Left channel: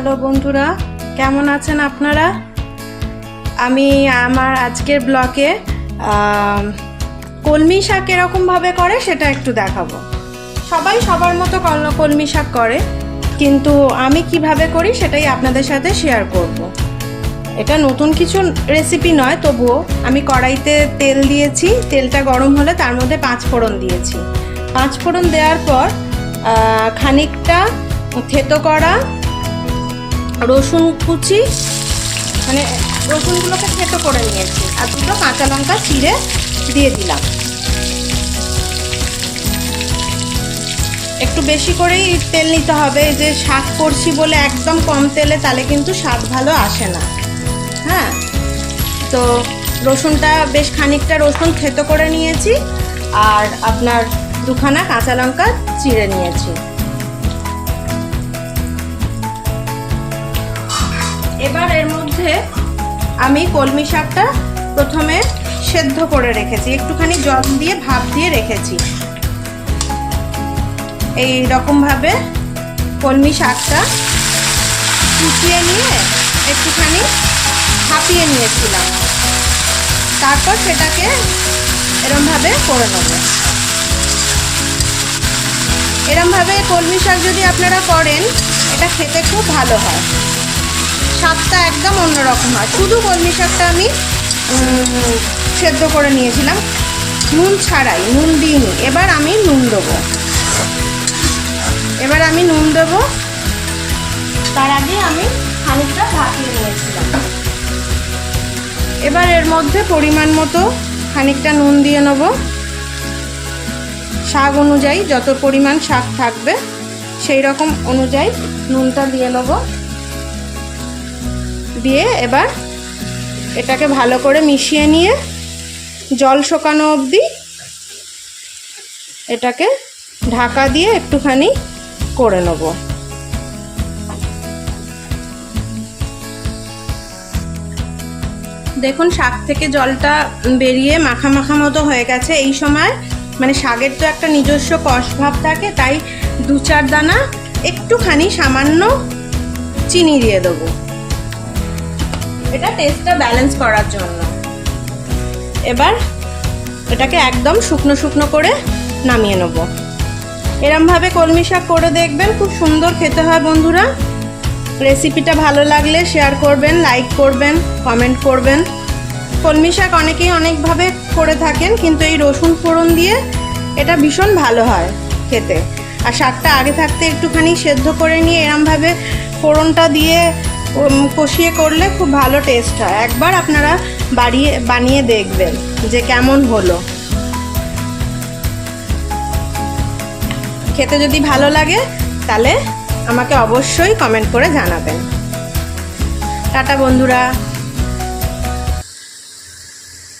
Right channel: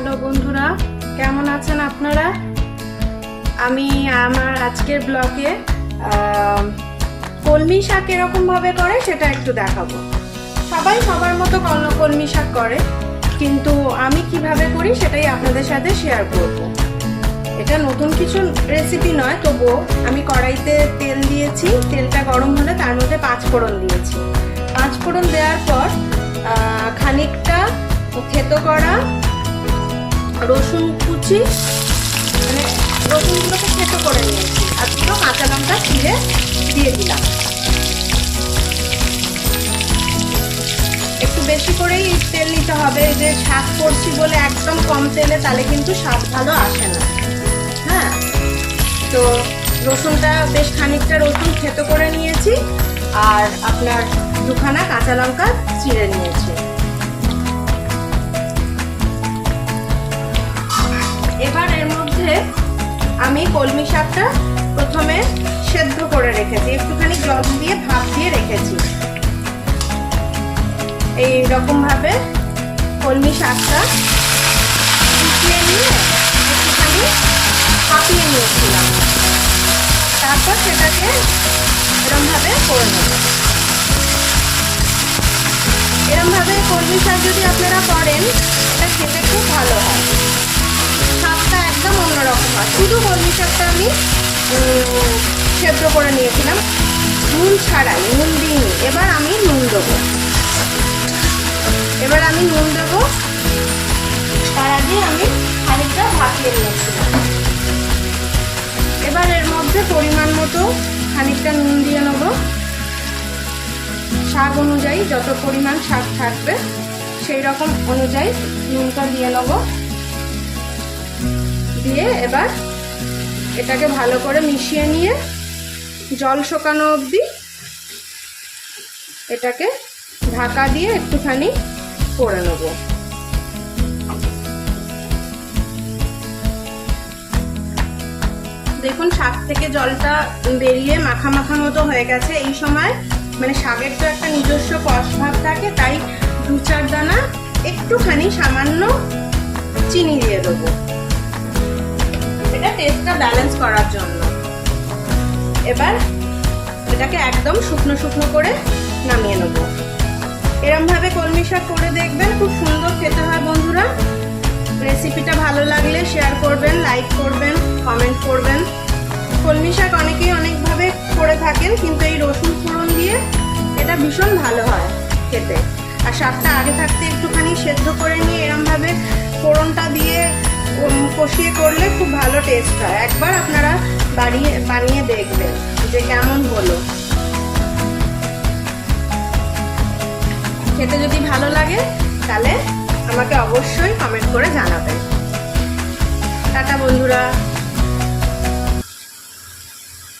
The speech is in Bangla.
হ্যালো বন্ধুরা, কেমন আছেন আপনারা? আমি আমার আজকের ব্লগে কলমি শাক এরকমভাবে করে সেটা একটু দেখাবো। সবাই সবার মতো কলমি শাক করে, কিন্তু আমি কিভাবে করি সেটাই আপনাদের সাথে শেয়ার করব। এটা নতুন কিছু রেসিপি নয়, তবুও আমি কড়াইতে তেল দিয়েছি। তেলটা গরম হলে তার মধ্যে 5 ফোড়ন দিয়েছি। 5 ফোড়ন দেওয়ার পর খানিকটা থেতো করা রসুন কুচি, মানে রসুনগুলোকে থেতো করে নিয়েছি, আর দুটো কাঁচা লঙ্কা চিড়ে দিয়ে দিলাম। একটু বেশি করেই তেল নিতে হবে, যে শাক করছি বলে একদম কম তেলে তাহলে কিন্তু স্বাদ ভালো আসে না। হ্যাঁ, তো রসুনটা বেশ খানিকটা রসুন থেতো করে নিয়েছি, আর আপনার 2খানা কাঁচা লঙ্কা চিড়ে নিয়েছি। এবার এর মধ্যে আমি কলমি শাকটা প্রথমে সেদ্ধ করে রেখেছি, একটুখানি জল দিয়ে ভাপ দিয়ে রেখেছি। এই রকম ভাবে কলমি শাকটা কুচিয়ে নিয়ে একটুখানি ভাপিয়ে নিয়েছিলাম, তারপর সেটাকে এরমভাবে করে নেব। এরমভাবে কলমি শাক যদি আপনারা করেন, এটা খেতে খুব ভালো হয়, স্বাদটা একদম অন্যরকম হয়। শুধু কলমি শাকটা আমি সেদ্ধ করে নিয়েছিলাম, নুন ছাড়াই, নুন দিইনি। এবার আমি নুন দেবো, তার আগেই আমি খানিকটা ভাপিয়ে নিয়েছিলাম। এবার এর মধ্যে পরিমাণ মতো খানিকটা নুন দিয়ে নেব, শাক অনুযায়ী, যত পরিমাণ শাক থাকবে সেই রকম অনুযায়ী নুনটা দিয়ে নেব। দিয়ে এবার এটাকে ভালো করে মিশিয়ে নিয়ে জল শুকানো অবধি এটাকে ঢাকা দিয়ে একটুখানি করে নেব। দেখুন, শাক থেকে জলটা বেরিয়ে মাখা মাখা মতো হয়ে গেছে। এই সময় মানে শাকের তো একটা নিজস্ব কষ ভাব থাকে, তাই 2-4 দানা একটুখানি সামান্য চিনি দিয়ে দেবো, এটা টেস্টটা ব্যালেন্স করার জন্য। এবার এটাকে একদম শুকনো শুকনো করে নামিয়ে নেব। এরমভাবে কলমি শাক করে দেখবেন, খুব সুন্দর খেতে হয় বন্ধুরা। রেসিপিটা ভালো লাগলে শেয়ার করবেন, লাইক করবেন, কমেন্ট করবেন। কলমি শাক অনেকেই অনেকভাবে করে থাকেন, কিন্তু এই রসুন ফোড়ন দিয়ে এটা ভীষণ ভালো হয় খেতে। আর শাকটা আগে থাকতে একটুখানি সেদ্ধ করে নিয়ে এরমভাবে ফোড়নটা দিয়ে কষিয়ে করলে খুব ভালো টেস্ট হয়। একবার আপনারা বানিয়ে দেখবেন যে কেমন হলো। খেতে যদি ভালো লাগে তাহলে আমাকে অবশ্যই কমেন্ট করে জানাবেন। টাটা বন্ধুরা।